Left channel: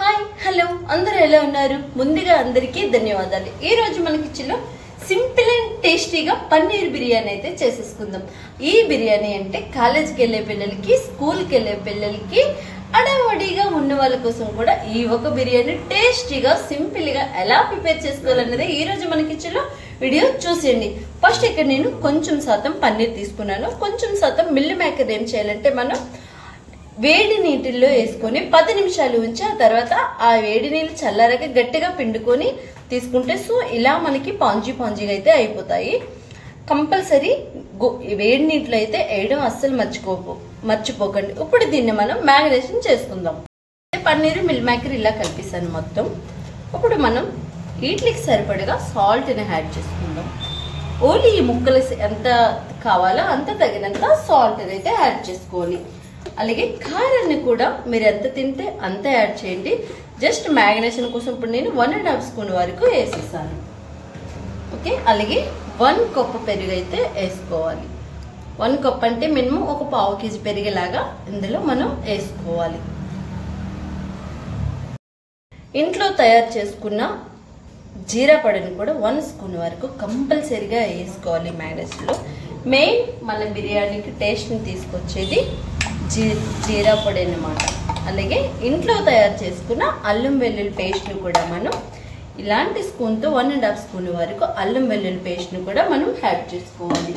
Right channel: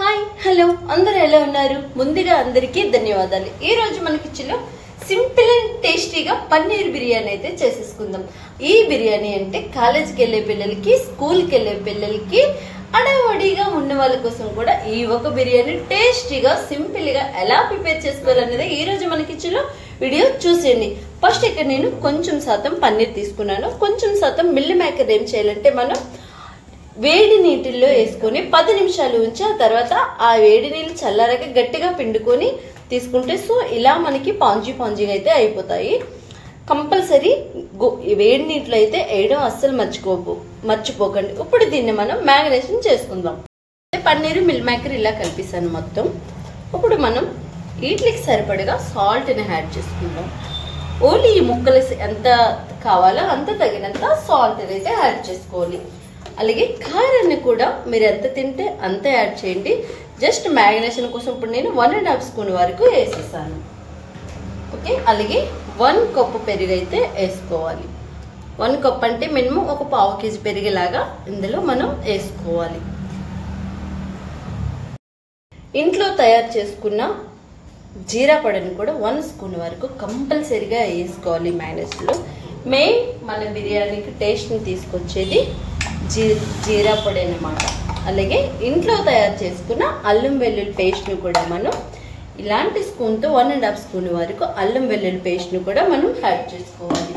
Hi hello అందరూ ఎలా ఉన్నారు? ముందుగా అందరికీ ధన్యవాదాలు. ఈ రోజు మన కిచెన్ లో సింపుల్ అండ్ టేస్టీగా పన్నీర్ బిర్యానీ అయితే చేసేసుకుందాం. ఈ బిర్యానీ అంటే కాలేజీకి వెళ్లే పిల్లలకి, స్కూల్ కి వెళ్లే పిల్లలకి, అడవడిగా ఉన్న వాళ్ళ కోసం కూడా ఈ ఒక బిర్యానీ టేస్టీగా సింపుల్ గా ఎలా ప్రిపేర్ చేసుకోవాలనేది ఈ రోజు మన కిచెన్ లో వీడియో చూసేయండి. ఫస్ట్ ఇక్కడ నేను కొంచెం శాతం పన్నీర్ తీసుకున్నాను. కొంచెం శాతం మిల్ మేకర్ ఏం చేయాలంటే మనం వేడి నీటిల్లో వేసుకొని 10 నిమిషాలు ఉంచి ఆ తర్వాత ఆ వేడి నీళ్ళు చల్లారాక గట్టిగా పిండుకొని తీసుకుంటే సో ఇలా మనకి పాంజీగా అయితే అయిపోతాయి. కంపల్సరీ వేడి నీటిలో అయితే వేయడం అస్సలు మర్చిపోకండి. ఇప్పుడు దీన్ని మనం మ్యారినేషన్ చేసుకుందాం. పన్నీర్ మిల్ మేకర్ ఇలా కలిపేసాను మొత్తం. ఇప్పుడు మనం వీటికి సరిపడగా సాల్ట్ ని యాడ్ చేసుకుందాం. ఓన్లీ ఈ ముక్కలు ఎంత కావాలో అంత తగినంత సాల్ట్ అయితే యాడ్ చేసుకోవాలి. అలాగే కారాన్ని కూడా మీరు ఎంత తింటే అంత యాడ్ చేయండి. జస్ట్ మ్యారినేషన్ కోసం ఇప్పుడు నేను 1.5 స్పూన్ వరకు వేసేసాను. ఓకే, అలాగే 1 కప్పు పెరుగు అయితే వేసుకోవాలి. 1 కప్ అంటే మినిమం ఒక 1/2 కేజీ పెరిగేలాగా ఇందులో మనం వేసుకోవాలి. ఇంట్లో తయారు చేసుకున్న జీరా పొడిని కూడా 1 స్పూన్ వరకు కంపల్సరీగా వేసుకోవాలి. మ్యారినేషన్ లో మెయిన్ మన బిర్యానీకి టేస్ట్ ని తీసుకొచ్చేది జీరా పొడి అన్నమాట. అలాగే ఇంట్లో తయారు చేసుకున్న అల్లం వెల్లుల్లి పేస్ట్ ను కూడా మనం ఇలాంటి స్పూన్ తో 1.5 స్పూన్ వరకు అల్లం వెల్లుల్లి పేస్ట్ ను కూడా మనం యాడ్ చేసుకోవాలి.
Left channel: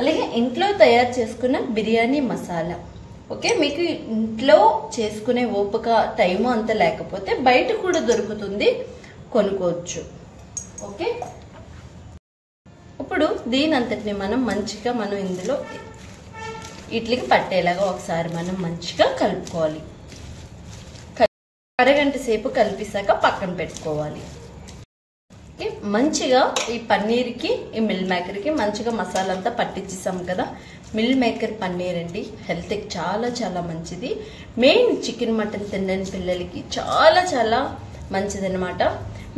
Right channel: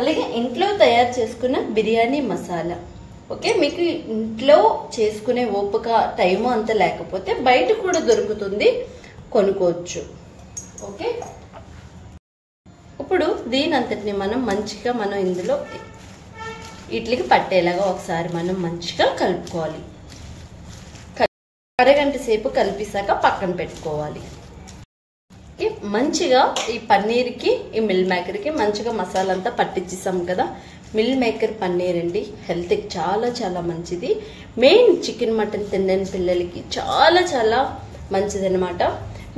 అలాగే ఇంట్లో తయారు చేసుకున్న బిర్యానీ మసాలా. ఓకే, మీకు ఇంట్లో చేసుకునే ఓపిక టైము అంత లేకపోతే బయట కూడా దొరుకుతుంది, కొనుక్కోవచ్చు. ఓకే, ఇప్పుడు దీని అంతటిని మనం మంచిగా ఇందులో ఇడ్లీకి పట్టేలాగా ఒకసారి మనం మంచిగా కలుపుకోవాలి. అరగంట సేపు కలిపిసాక పక్కన పెట్టుకోవాలి. మంచిగా ఈ పన్నీర్కి ఈ మిల్ మేకర్కి మంచిగా మసాలా అంతా పట్టించేసాం కదా. మిల్ మేకర్ పన్నీర్ అండి హెల్త్కి చాలా చాలా మంచిది. మెయిన్ చికెన్ మటన్ తినని పిల్లలకి చాలా చాలా మంచిది అనమాట.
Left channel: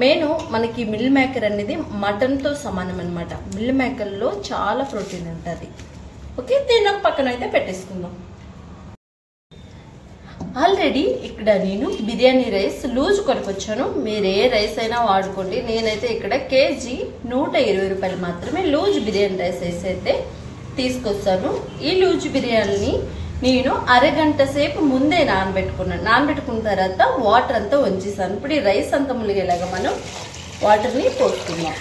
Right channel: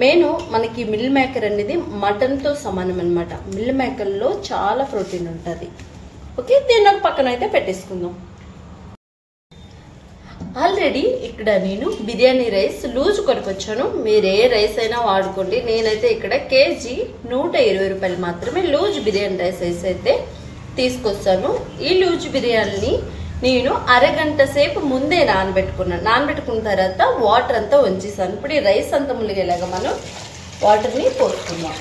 మెయిన్ మనకి మిల్ మేకర్ అనేది మటన్ తో సమానం అనమాట. మిల్ మేకర్ లో చాలా ప్రోటీన్ ఉంటుంది. ఓకే, దీన్ని పక్కన అయితే పెట్టేసుకుందాం. ఆల్రెడీ ఇక్కడ నేను బిర్యానీ రైస్ లూజ్ కొనుకొచ్చాను. మీరు ఏ రైస్ అయినా వాడుకోండి. నేనైతే ఇక్కడ కేజీ 120 రూపాయలు మాత్రమే లూజ్ బిర్యానీ రైస్ అయితే తీసుకొస్తాను. ఈ లూజ్ బిర్యానీని నేను అరగంట సేపు ముందే నానబెట్టుకున్న తర్వాత వాటర్ అంతా వంచేసాను. ఇప్పుడు ఈ రైస్ అంతా ములిగేలాగా మనం వాటర్ని పోసుకుందాం.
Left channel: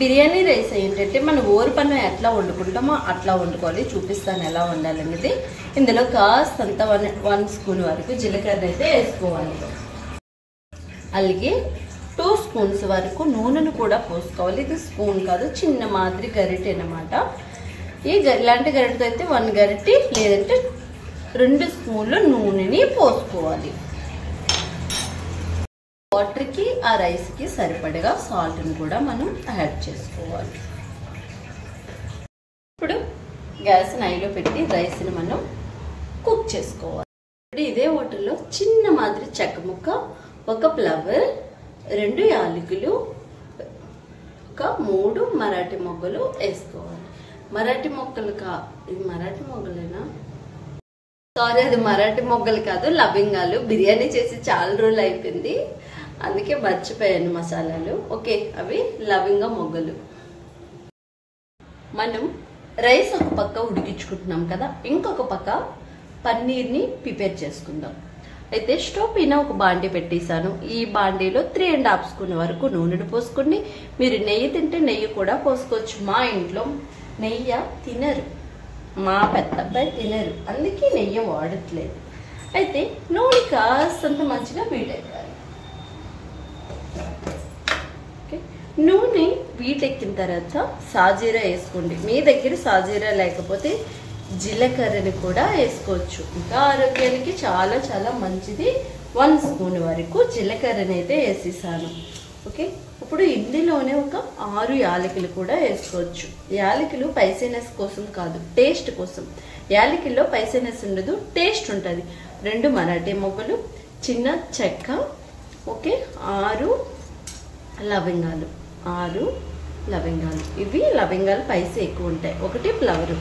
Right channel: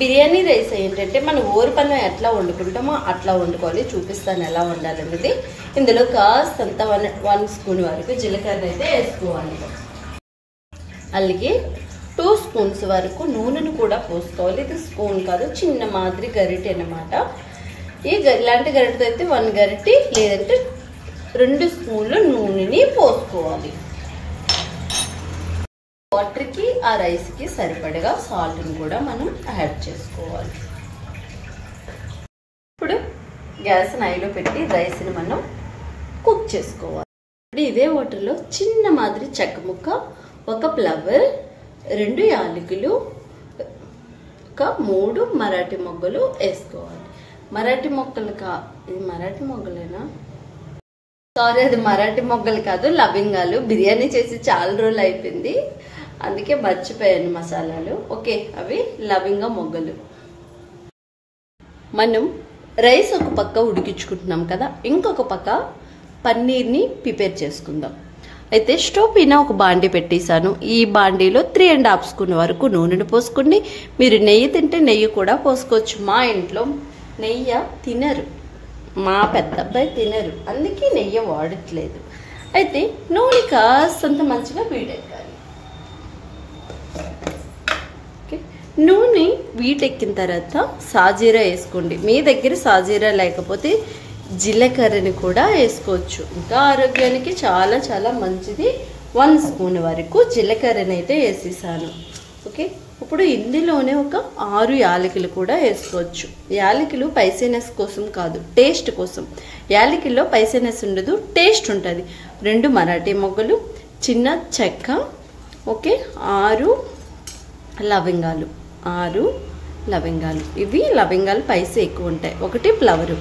బిర్యానీ రైస్ ఏంటంటే మనం ఓరిపన్నం ఎట్లా వండుకుంటామో అట్లా వండుకోవాలి. చూపిస్తాను ఎలా వండాలనేది. ఇందులో కాస్తంత 1 స్పూన్ వరకు జీలకర్ర అయితే వేసుకోవాలి. అలాగే 2 స్పూన్స్ వరకు నూనెను కూడా పోసుకోవాలి. ఇది స్పూన్ కాదు, చిన్న మాదిరి గరిటె అన్నమాట. ఈ ఇలాంటి గరిటెతో అయితే 1 గరిటె లేదంటే 2 స్పూన్లు నూనెని పోసుకోవాలి. వాటర్ కి ఆ రైస్ కి సరిపడగా సాల్ట్ ని కూడా మనం యాడ్ చేసుకోవాలి. ఇప్పుడు గ్యాస్ హైలో పెట్టి రైస్ ని మనం కుక్ చేసుకోవాలి. ఇప్పుడు ఇదే వాటర్ లో చిన్న మాదిరి చెక్క ముక్క, 1 ఫ్లవర్, 2 యాలకులు, 3 మరాఠీ మొగ్గలు వేసుకోవాలి. మరాఠీ మొగ్గలు ఇది మరాఠీ మొగ్గలేనా? సారీ, అది మరాఠీ మొగ్గలు కాదు, లవంగాలు. బిర్యానీ చేసి చాలా రోజులు అయిపోయింది, అందుకే మర్చిపోయాను మసాలాలు. ఓకే, అవి లవంగ మొగ్గలు. మనం రైస్ ఒక పక్క ఉడికించుకుంటున్నాం కదా, ఇంకొక పక్క పన్నీర్ని ప్రిపేర్ చేసుకుందాం. అయితే స్టవ్ పైన ఒక బాండీ పెట్టేశాను. ఈ బాండీలో 3.5 స్పూన్ వరకు నూనెను పోసుకోండి. మీరు నెయ్యి తింటే నెయ్యి కూడా పోసుకోవచ్చు. మా ఇంట్లో నెయ్యి తినరు, మా పెద్ద అబ్బాయి తినరు, అందుకే నెయ్యి వాడట్లేదు. అయితే నూనె కాస్తంత మంచిగా వీటెక్కాలి. నూనె వీటెక్కిన తర్వాత సాజీరా వేసుకోండి. మీ దగ్గర సాజీరా లేకపోతే జీలకర్రని కూడా వేసుకోవచ్చు. ఇంకా ఆరోగ్యానికి చాలా చాలా మంచిది. 1 స్పూన్ వరకు జీలకర్రని అయితే వేసేసాను. ఓకే, ఇప్పుడు ఇందులోనే ఒక 6 యాలకులు కూడా వేసుకోవచ్చు. యాలకులు పైసీనెస్ కోసం కాదు, టేస్ట్ కోసం. యాలకుల్లో పైసీనెస్ ఉండదు, టేస్ట్ ఉంటుంది. 2 మరాఠీ మొగ్గలు, చిన్న చెక్క, ఓకే, 6 లవంగాలు. ఇవి లవంగాలు పైసే ఎక్కువ ఉంటాయి. 1 ఫ్లవరు.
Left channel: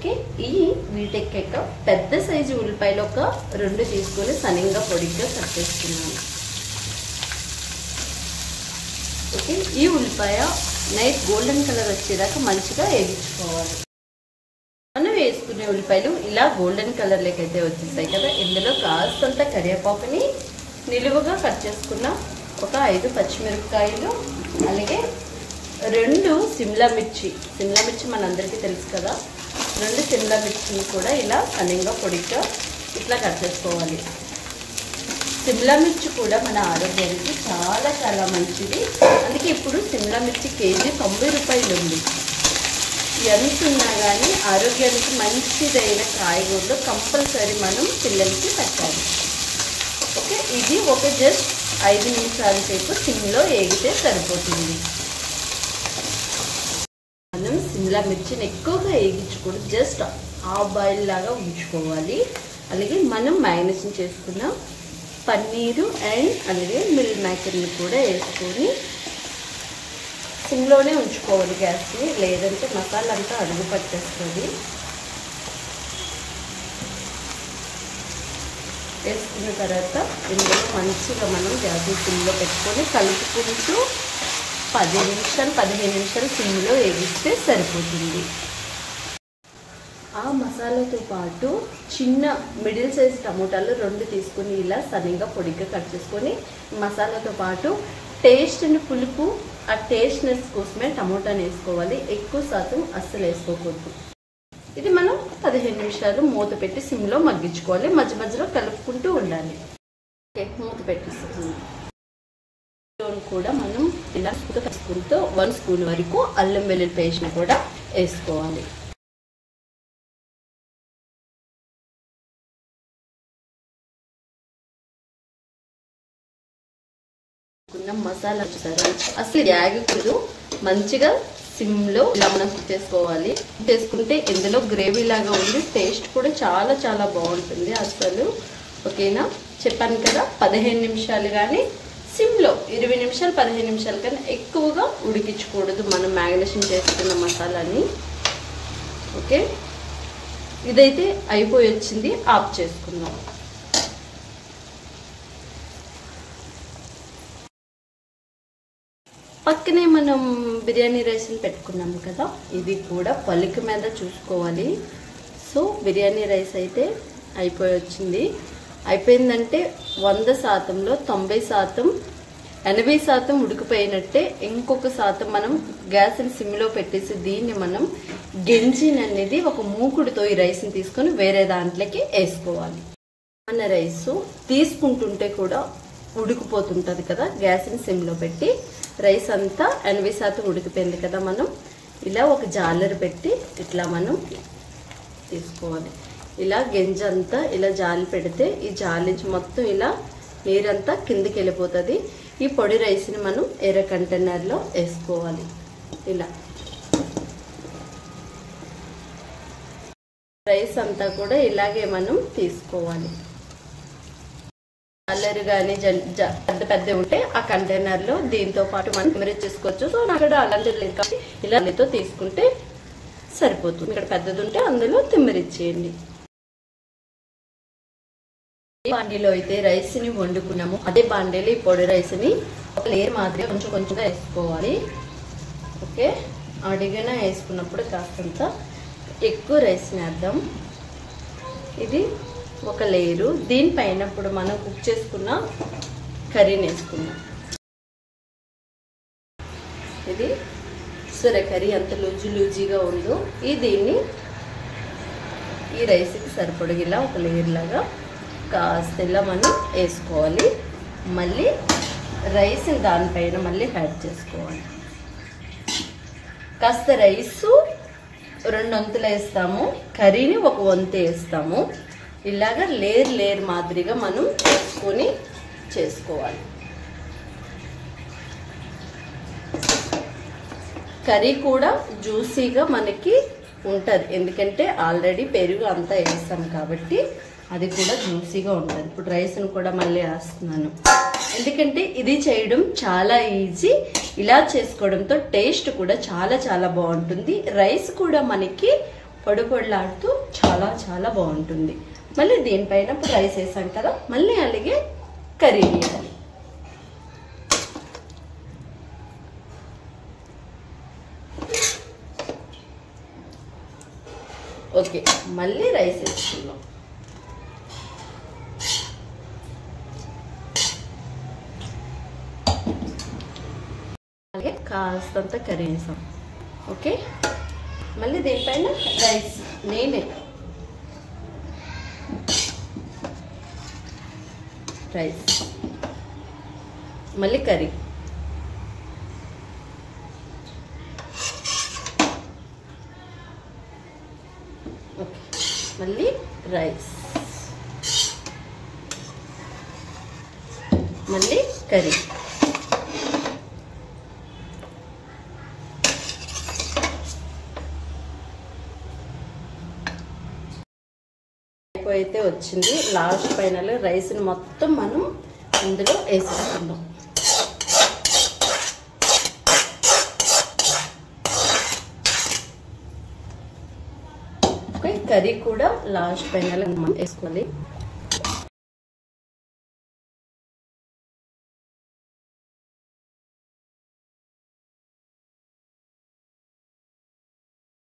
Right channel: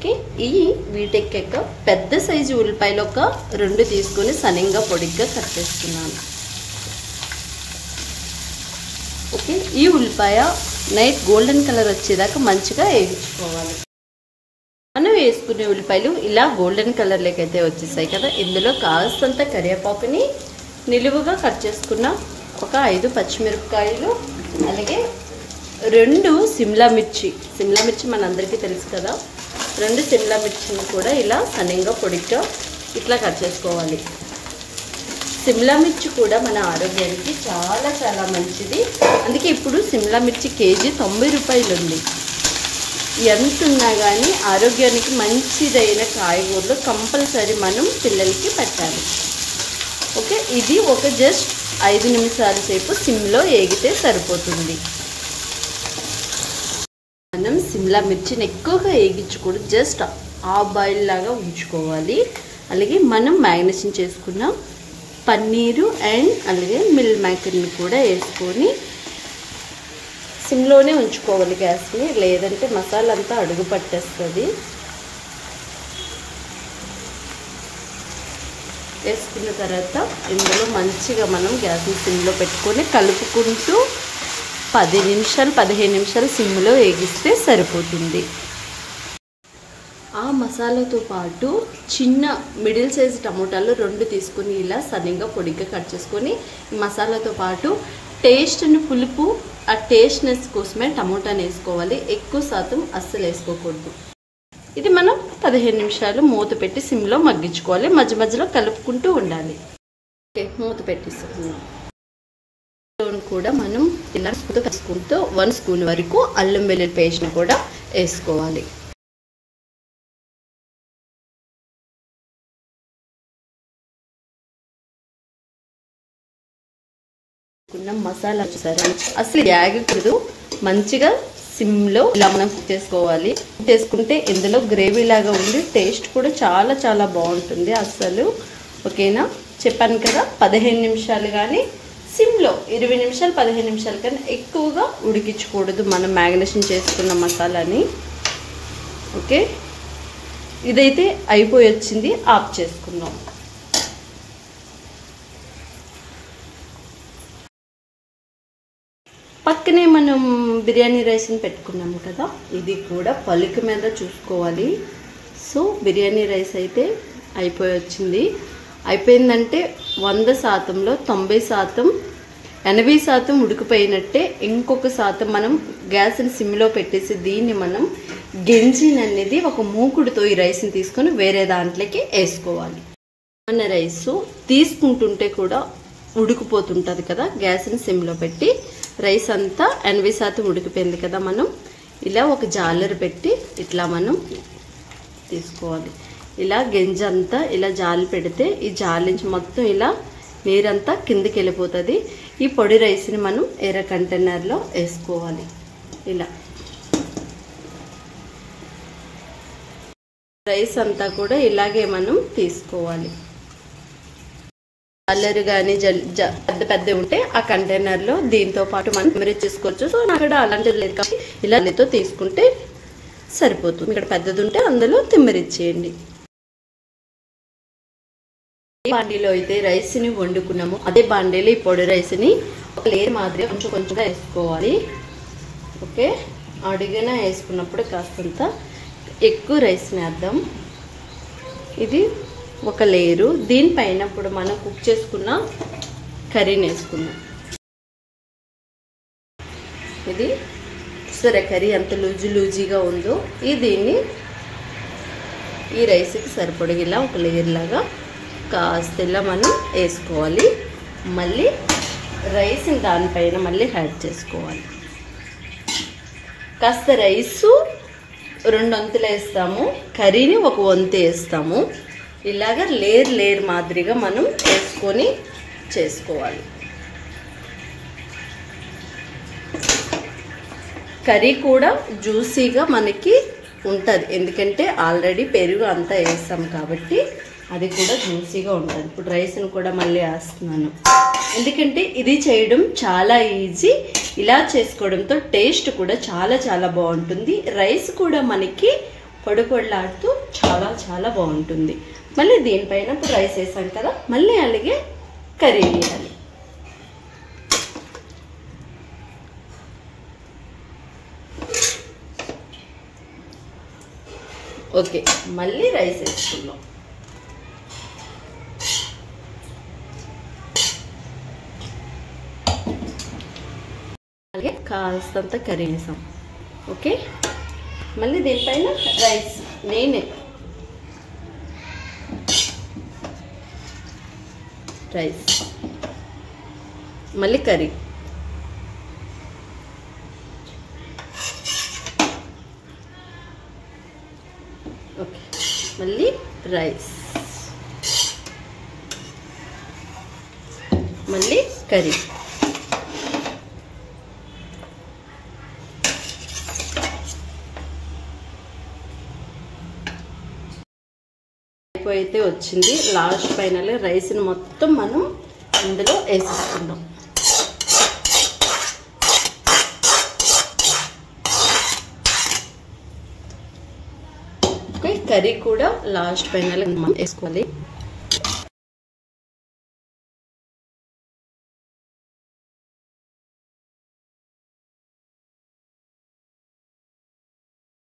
ఓకే, ఈ వీటెక్కాక పెద్ద సైజు ఉల్లిపాయలు ఒక 2 తీసుకుని సన్నంగా పొడిగ్గా కట్ చేసుకున్నాను. ఓకే, ఈ ఉల్లిపాయ నైట్ గోల్డెన్ కలర్ వచ్చేదాకా మంచిగా వేయించుకోవాలి. మనం వేసుకునే ఉల్లిపాయలు ఇలా గోల్డెన్ కలర్ లేకైతే వచ్చేసాయి కదా, ఇందులో కాస్తంత కరివేపాకుని నిలువుగా కట్ చేసుకున్న ఒక 5 పచ్చిమిరపకాయలు, అలాగే 2 సిమ్లా మిర్చి. సిమ్లా మిర్చి మనందరికీ తెలుసు కదా, 2 సిమ్లా మిర్చిని కూడా ఇలా సన్నంగా పొడిగా ఇట్లా కట్ చేసుకోవాలి. సిమ్లా మిర్చి కూడా మన ఆరోగ్యానికి చాలా చాలా మంచిది. అందుకే ఇప్పుడు సిమ్లా మిర్చి కేజీ 90 రూపాయలు ఉంది. ఎంత ఉన్నా కానీ ఆరోగ్యానికి మంచిదైన కాయగూరలు కంపల్సరీ మనం పిల్లలకి పెట్టాలి. ఓకే, ఇది ఒక జస్ట్ 5 నిమిషాల సేపు సిమ్లో వేగితే సరిపోతుంది. మనం సిమ్లా మిర్చిని ఎక్కువగా వేగించకూడదు, జస్ట్ హాఫ్ బాయిల్ లాగా ఉంచుకోవాలి. అలాగే మనం మ్యారినేషన్ చేసుకున్న పన్నీరు అండ్ అలాగే మిల్ మేకర్ని కూడా వేసుకొని సిమ్లోనే ఉంచుకోవాలి గ్యాస్ని, లేదంటే మసాలా అంతా అడుగు పట్టేస్తుంది. వేసుకున్న తర్వాత ఇందులో మంచిగా మనం గ్యాస్ని సిమ్లో పెట్టుకొని కలుపుకుంటూ 10 నిమిషాలు 15 నిమిషాలు సిమ్లో వేగిస్తే సరిపోతుంది. ఆ మసాలాతో పాటు చిన్న మిడిల్ సైజ్ టమోటాలు 2 తీసుకొని ఇలా సన్నగా పొడిగా కట్ చేసుకొని మసాలాతో పాటు టేస్ట్ అండ్ పులుపు, ఆ టేస్ట్నెస్ కోసమే టమోటాని వేసుకోవాలి. ఎక్కువ శాతం అస్సలు వేసుకోకూడదు. ఇది మనం 15 నిమిషాలు మూత పెట్టి సిమ్లో మగ్గించుకోవాలి. మధ్య మధ్యలో కలుపుకుంటూ ఉండాలి. ఓకే, మూత పెట్టేసుకున్నాం. కూడా మనం ఇలా కలుపుకుంటూ 1 స్పూన్ వరకు అల్లం వెల్లుల్లి పేస్ట్ని కూడా వేసుకోవాలి. మసాలా చూసారా, అసలు యాగకూడదు, మంచిగా సిమ్లో ఇలా మనం కుక్ చేసుకోవాలి. చేసుకుంటే ఇందులో గ్రేవీ లాగా ఉండి టేస్ట్ కూడా చాలా చాలా బాగుంటుంది అసలు. ఓకేనా, చెప్పాను కదా 15 నిమిషాలు కానీ సిమ్లో 20 నిమిషాలు 15 నిమిషాలు కానీ ఎక్కువగా ఉడికించకూడదు మనం మ్యారినేషన్ చేసుకున్న మసాలాని. ఓకే, ఇదైతే అయిపోయి వచ్చింది, ఆఫ్ చేసుకుందాం. పక్కనే మనం బిర్యానీ రైస్ని పెట్టుకున్నాము కదా, ఇది కూడా పలుకు మీద చూసుకోవాలి. సో బిర్యానీ రైస్ అయితే అయిపోయి వచ్చింది. అయిపోయిందంటే 100%లో 90%, 80% ఉడికిపోయినట్టే. ఇంకొక శాతం మనం గ్యాస్ని సిమ్లో పెట్టేసి దీన్ని మనం గెంజిన్ అనేది ఒక మూకుడుతో ఈ రైస్ని తీసుకొని వేరే దాంట్లోకి వేసుకోవాలి. మన రైస్ తీసుకుంటుంటే కూడా ఉడికిపోతుంటుంది కదా, గ్యాస్ని సిమ్లో పెట్టి రైస్ అంతా 80% ఉడికిపోయింది కదా, మనం ఇలా ఒక జాలర్ పెట్టి ఇట్లా మనం తీసుకోవాలి. ఇలా గెంజి అంతా ఇలా జాలి పెడితే ఈ జాలి నుంచి మొత్తం ఇలా నీరంతా కిందకి వెళ్ళిపోతుంది. ఈ పొడి రైస్ని మనం ఎర్ర కంటైనర్లో వేసుకోవాలి. ఇలా రైస్ అంతా కూడా ఇలాగే మనం తీసుకోవాలి. కలర్ కానీ పెద్ద పెద్ద ఉంటే ఆ కంటైనర్లో దీంతో పాటు మనం మెమరీజ్ చేసుకోవచ్చు. సో నాకు అలాంటిది లేదు కాబట్టి ఇలా తీసుకుంటే సరిపోతుంది. ఇక్కడ పెద్దది ఉంటే అందులో తిమ్మరిచ్చేయండి. ఏ బాండీలో అయితే రైస్ని వండుకున్నామో అదే బాండీలో ఈ పొడి రైస్ని ఒక లేయర్ మాదిరిగా కొంచెం కొంచెంగా వేసుకోవాలి. ఓకే, అడిగినా వేసుకున్నప్పుడు కాస్తంత ఎక్కువ రైస్ని వేద్దాం. ఇది ఒక లేయరు. దీనిపైన ఇప్పుడు మనం కుక్ చేసుకున్న కర్రీని వేసుకుందాం. ఇది సరే కర్రీ ఎంత లూజీగా ఉందో దీన్ని ఈ రైస్కి సరిపడగిలా ఒక లేయర్ లాగా కాస్త ఇలా మనం వేసుకోవాలి. మళ్ళీ రైస్ని దానిపైన మళ్ళీ యాడ్ చేసుకోవాలి. కాస్త రైసు 2 వంతులు వేస్తాము, కర్రీని 1 వంతు వేస్తాము. ఇలాగా లేయర్ మాదిరిగా మనం వేసుకొని చేసుకోవాలి. కర్రీ కూడా జ్యూసీగా మనకి ఉంటుంది, ఎందుకంటే ఆల్రెడీ పెరుగు అంతా వేస్తాం కాబట్టి అది కూడా జ్యూసీగా ఉంటుంది. ఇప్పుడు రైస్ని కూడా మళ్ళీ వేస్తున్నాను, ఎందుకంటే ఇది చేయడం చాలా ఈజీ. ఇలా చేసుకోవడంతో టేస్ట్ కూడా చాలా చాలా బాగుంటుంది. రైస్ కూడా మనకి పొడి పొడిలాడుతూ చాలా చాలా బాగుంటుంది. మళ్ళీ దీనిపైన ఇప్పుడు రైస్ వేసాం కదా, మళ్ళీ అలాగే కర్రీ వేయాలి. ఓకే, మళ్ళీ రైస్ వేసుకున్నాం. అలాగే కాస్తంత కర్రీ వేసాం. ఓకే, మళ్ళీ దీనిపైన రైస్ నేనే రైస్ మళ్ళీ కర్రీ. ఓకే, మళ్ళీ రైస్ మళ్ళీ కర్రీ. అయితే వచ్చింది. లాస్ట్ ఫైనల్ రైస్ని మొత్తం మనం ఇందులో వేసేసుకుందాం. కర్రీ కూడా లాస్ట్ ఫైనల్ మనం వేసుకోవాలి.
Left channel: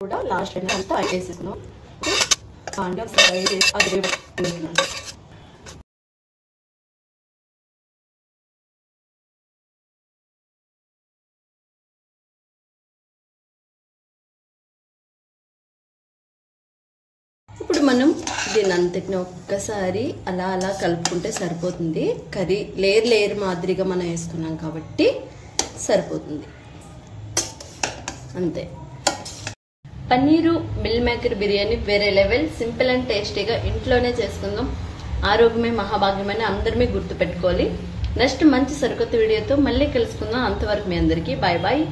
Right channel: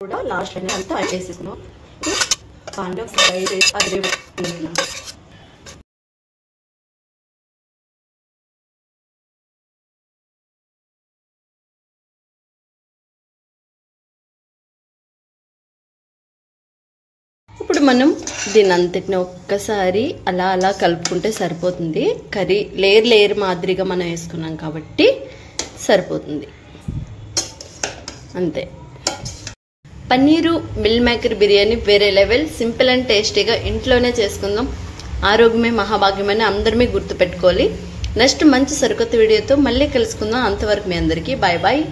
కూడా లాస్ట్ ఫైనల్ అంతా వేసేసుకున్నాం. ఇప్పుడు మనం దీని అంతటిని ఒక్కసారి అలా అలా కలుపుకుంటే సరిపోతుంది. కర్రీ లేయర్ లేయర్ మాదిరిగా మనం వేసుకున్నాం కాబట్టి సరిపోతుంది. అంతే. పన్నీరు మిల్ మేకర్ బిర్యానీ వేరే లెవెల్. సింపుల్ అండ్ టేస్టీగా ఇంట్లోనే చేసుకుందాం. ఆరోగ్యమే మహాభాగ్యమని అందరినీ గుర్తుపెట్టుకోవాలి. నెక్స్ట్ మంచి సరికొత్త వీడియోతో మళ్ళీ కలుసుకుందాం. అంతవరకు మీ అందరికీ బాయ్ బాయ్.